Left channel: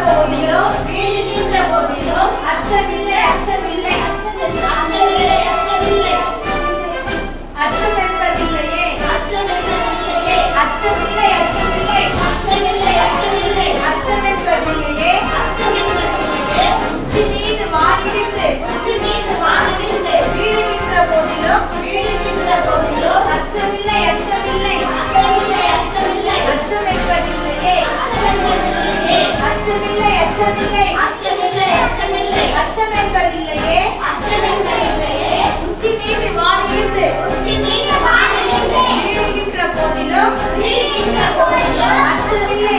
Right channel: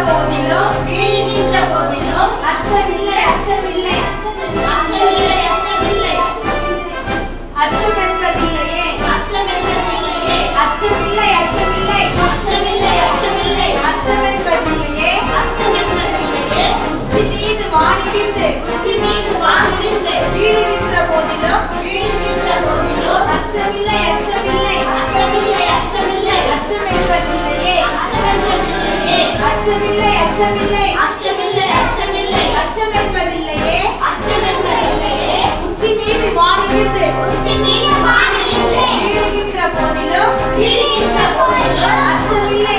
போதிலும் அச்சமில்லை அச்சம் என்பதில்லையே அச்சமில்லை அச்சம் என்பதில்லையே உச்சி மீது வானிலிருந்து வீழுகின்ற போதிலும் அச்சமில்லை அச்சம் என்பதில்லையே அச்சம் என்பதில்லையே உச்சி மீது வானிலிருந்து வீழுகின்ற போதிலும் அச்சமில்லை